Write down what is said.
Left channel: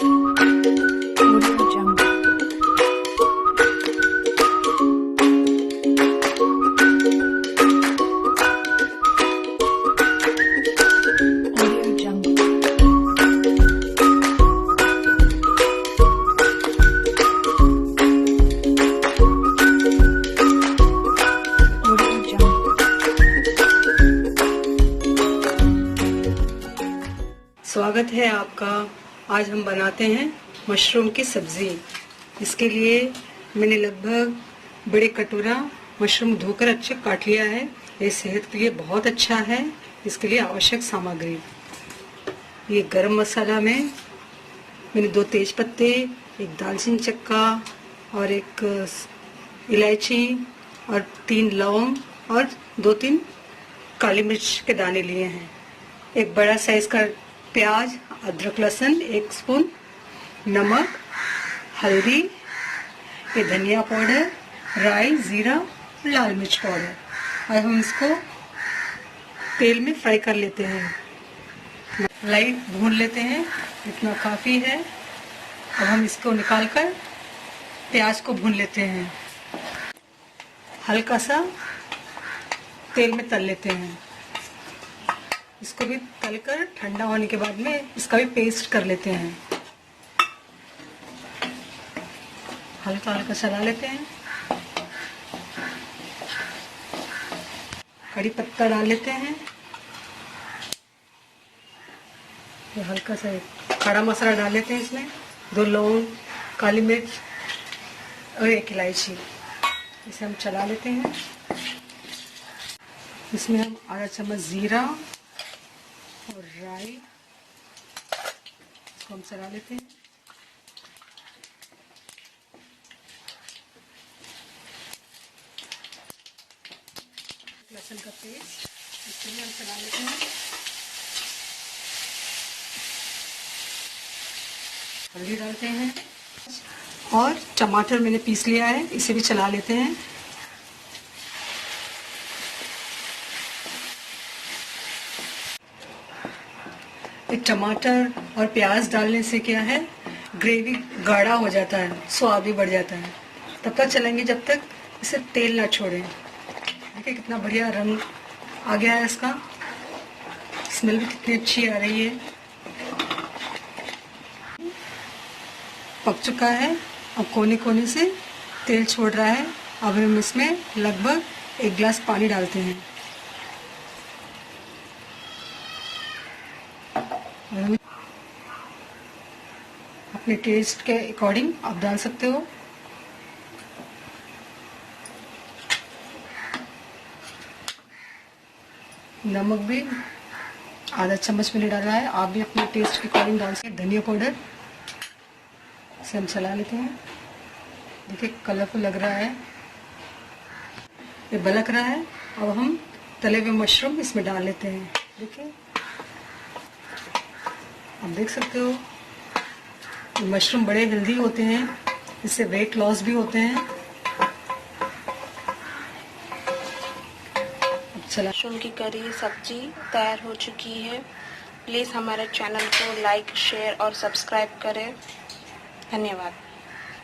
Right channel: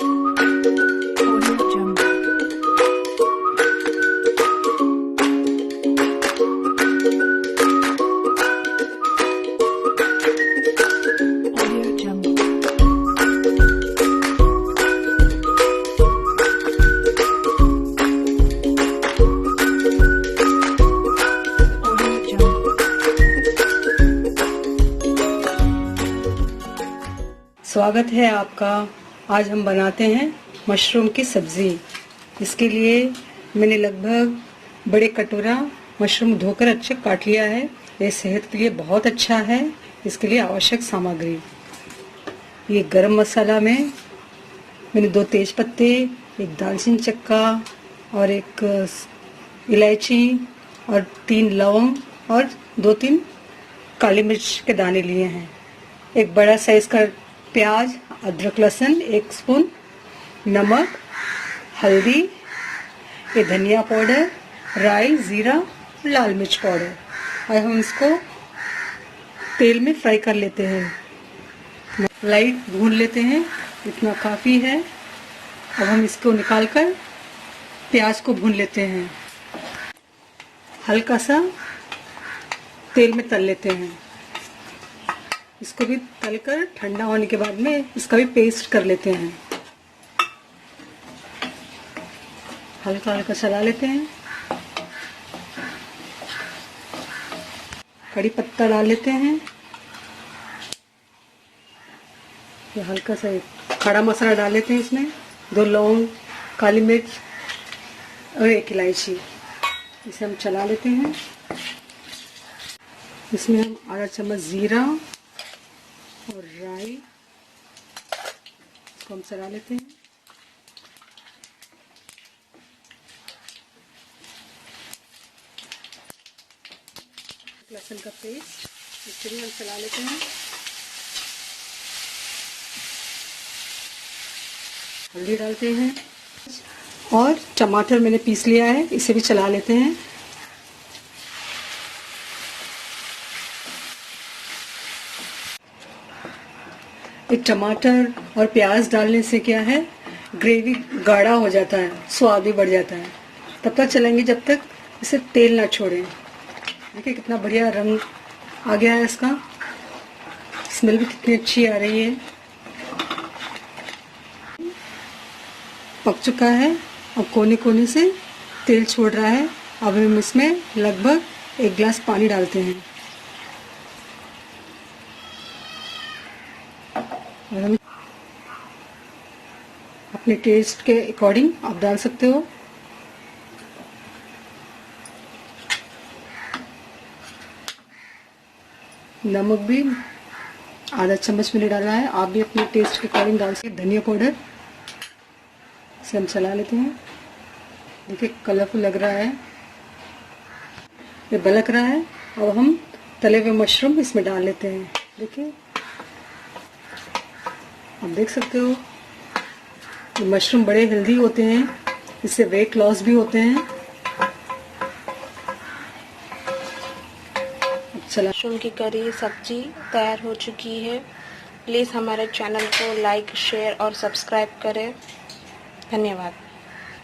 स्वागत है आपका। आज हम बनाते हैं मशरूम की सब्जी। इसके लिए मैंने लगभग बड़े कटोरा मशरूम धोकर अच्छे काट लिया है। ये सेहत के लिए बहुत अच्छा है। इसके लिए आवश्यक सामग्री, ये गरम मसाला में मैंने 2 तेज पत्ते, एक दालचीनी चक्का और एक इलायची और 3 लौंग और 2-3 काली मिर्च के दाने लिए हैं। एक बड़ा साइज का प्याज, अदरक लहसुन 1 स्पून, नमक, हल्दी, ये धनिया पाउडर, राई, जीरा, लाल मिर्च पाउडर। और हम इसको तेल में फ्राई कर लेते हैं। लाइट भून लेते हैं, इतना काफी है। अब हम इसको निकालकर प्याज को भून लेते हैं। हल्का सा तेल में तल लेते हैं। इसको भी तलकर ठंडा होने के बाद में इसका भी पेस्ट कर लेते हैं। हल्का हल्का चला लेते हैं। कड़ी पत्ता डाल लेते हैं। तो हल्का सा खड़ा मसाला डाल लेते हैं। इसमें 2 लौंग, काली मिर्च और 1 इलायची। इसे हम चला लेते हैं। इसमें हम आधा चम्मच जीरा और राई को हम चला लेते हैं। लहसुन का पेस्ट इसको भी हम चला लेते हैं। हल्दी डालते हैं और टमाटर मैंने पीस लिया है, इसे भी चला लेते हैं। एक टमाटर और प्याज डालने से क्या है, ग्रेवी गाढ़ा हो जाता है, स्वाद भी बढ़ जाता है। तब तक चलेंगे जब तक इसे तेल ना छोड़े। देखिए कितना बढ़िया रंग आ गया है इसका। स्मेल भी कितनी अच्छी आ रही है। पक चुका है। अब कोने कोने से तेल छोड़ रहा है। अब हम इसमें लगभग 1 गिलास पानी डालते हैं। अपने टेस्ट के अकॉर्डिंग आप डाल सकते हो। नमक भी आधा चम्मच मैंने डाला है, आप भी अपने टेस्ट के अकॉर्डिंग डाल सकते हैं। धनिया पाउडर, इसे हम चला लेते हैं। देखिए कलरफुल लग रहा है, ये बलक रहा है। और हम तले हुए मशरूम इसमें डाल लेते हैं। देखिए आप देख सकते हो, मशरूम बड़े हेल्दी होते हैं, इससे वेट लॉस भी होते हैं। मशरूम की करी सब्जी तैयार हो चुकी है। प्लीज़ हमारे चैनल को लाइक, शेयर और सब्सक्राइब करें। धन्यवाद।